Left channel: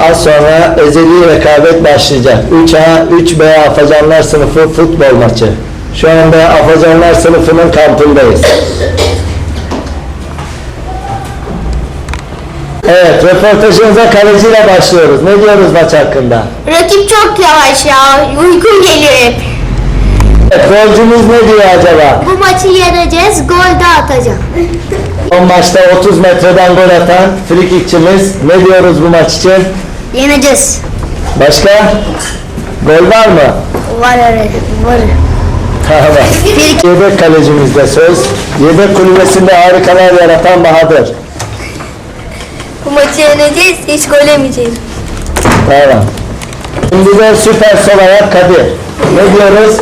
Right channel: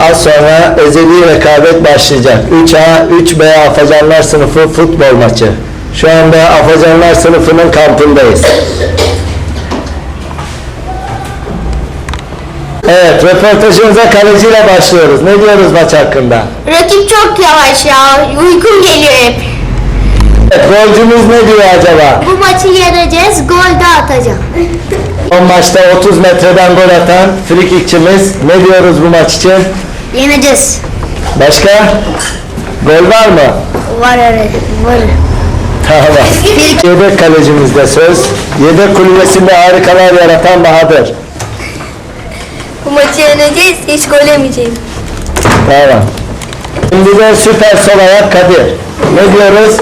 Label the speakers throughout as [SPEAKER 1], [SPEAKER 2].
[SPEAKER 1] Az sonra ezeli rekabet başlayacak. 3A, 3B Afacanlar sınıfı futbol maçı. Şu anda Afacanlar sınıfının kampındayız. Evet, röportajımıza kaleciyle başlıyoruz. Ne diyoruz maç hakkında?
[SPEAKER 2] Rakip çok yavaş ya. Uykum geliyor hep.
[SPEAKER 1] Evet, golcümüz ne diyor acaba?
[SPEAKER 2] Bu maçı yeneceğiz. Gol de atacağım.
[SPEAKER 1] Son maçta 30 metreden gol atan frikikçimiz. Ne diyoruz bu maç için?
[SPEAKER 2] Yeneceğiz.
[SPEAKER 1] Başka? Gol var mı?
[SPEAKER 2] Var öyle. Var.
[SPEAKER 1] Tamam. Yedek kalecimizde söz. Yedek kulübesinde harikalar yaratan Bahadır.
[SPEAKER 2] Bu maçı yeneceğiz. Hiç gol yemeyeceğim.
[SPEAKER 1] Tamam. Şimdi de süper sol ayak Kadir. Ne diyoruz?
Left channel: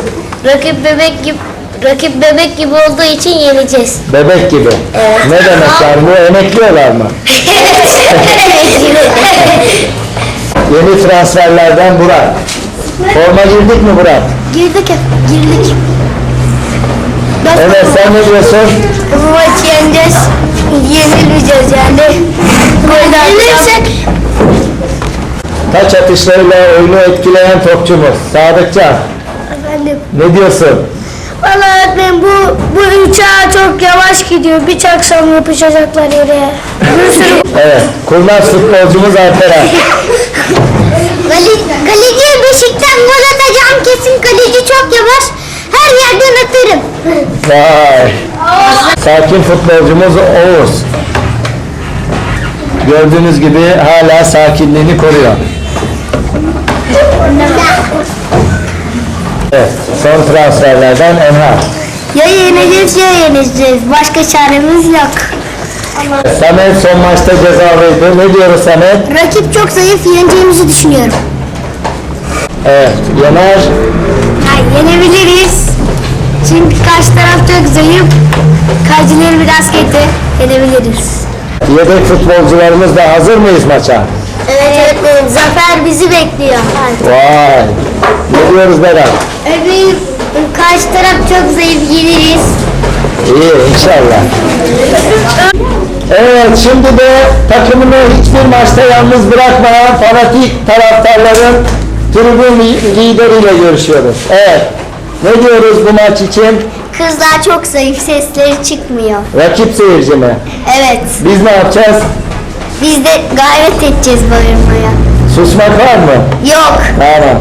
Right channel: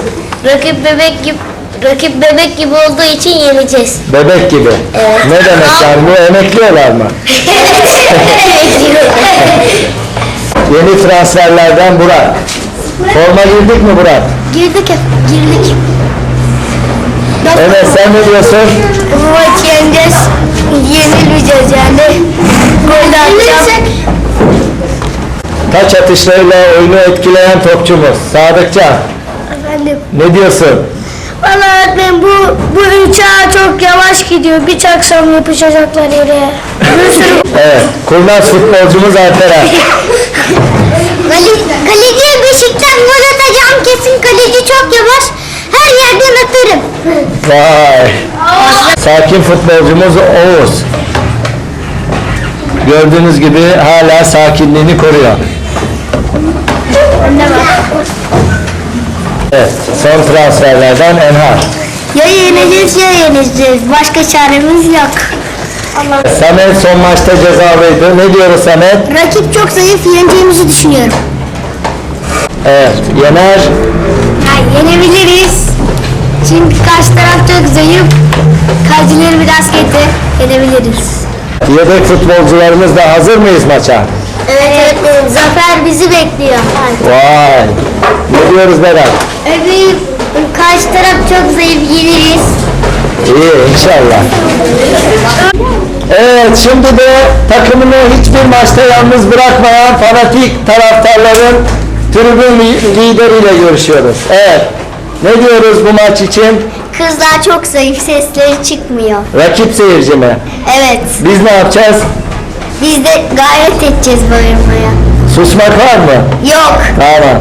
[SPEAKER 2] Rakip bebek gibi rakip bebek gibi olduğu için yeneceğiz.
[SPEAKER 1] Bebek gibi. Ne demek yani bu emekliyorlar mı? Yeni transferlerden Burak. Forma girdik mi Burak?
[SPEAKER 2] girdik hep. Girdik.
[SPEAKER 1] Evet sen ne diyorsun?
[SPEAKER 2] Bu maçı yeneceğiz. Yenilmeyeceğiz yani. Gol de atacağım.
[SPEAKER 1] Taç atışlarıyla oyunu etkileyen topçumuz. Sadıkcan.
[SPEAKER 2] Efendim.
[SPEAKER 1] Ne diyorsun?
[SPEAKER 2] Valla öğretmenim bu, bu uçağı çok yavaş gidiyor. Bir çaksam yapışacaklar yere. Bir sürü...
[SPEAKER 1] Evet. Kurnaz futbolcumuz Alperen.
[SPEAKER 2] Kale, kaleciye beşikten gol atacağım kesin. Kaleci çok yavaş. Her yerden atarım.
[SPEAKER 1] Vay. Sakin futbolcumuz Oğuz. Gördüğünüz gibi hala sakinliğini koruyor. Evet, son transferlerden Enhar.
[SPEAKER 2] Ya yeneceğiz ya yeneceğiz. Başka çaremiz yok.
[SPEAKER 1] Samet son maçta cezalıydı. Ne diyoruz Samet?
[SPEAKER 2] Rakip çok zayıf yeneceğimizi düşünüyorum.
[SPEAKER 1] Evet, Yener.
[SPEAKER 2] Ya yenebiliriz. Çünkü karşı taraf çok zayıf. Kalecileri biraz kötü. Yenebiliriz.
[SPEAKER 1] Yedek futbolcularımız da hazır mıyız maça?
[SPEAKER 2] Evet, evet. Zafer bizi bekliyor.
[SPEAKER 1] Vay. Ne diyoruz Berat?
[SPEAKER 2] Öbür karşı taraf çok zayıf yeniriz.
[SPEAKER 1] İyi inşallah. Evet şimdi de takımını hiçbir maçta yalnız bırakmayan fanatik taraftarların tribün li- lideriyle görüşüyoruz. Evet. Ne diyoruz bu maç için?
[SPEAKER 2] Kızlar çok zayıf sesleri çıkmıyor.
[SPEAKER 1] Rakip seyirci mi?
[SPEAKER 2] Evet.
[SPEAKER 1] Biz ne yapacağız?
[SPEAKER 2] Biz de gayret edeceğiz bağırmaya.
[SPEAKER 1] Susmak var mı?
[SPEAKER 2] Yok.
[SPEAKER 1] Tamam.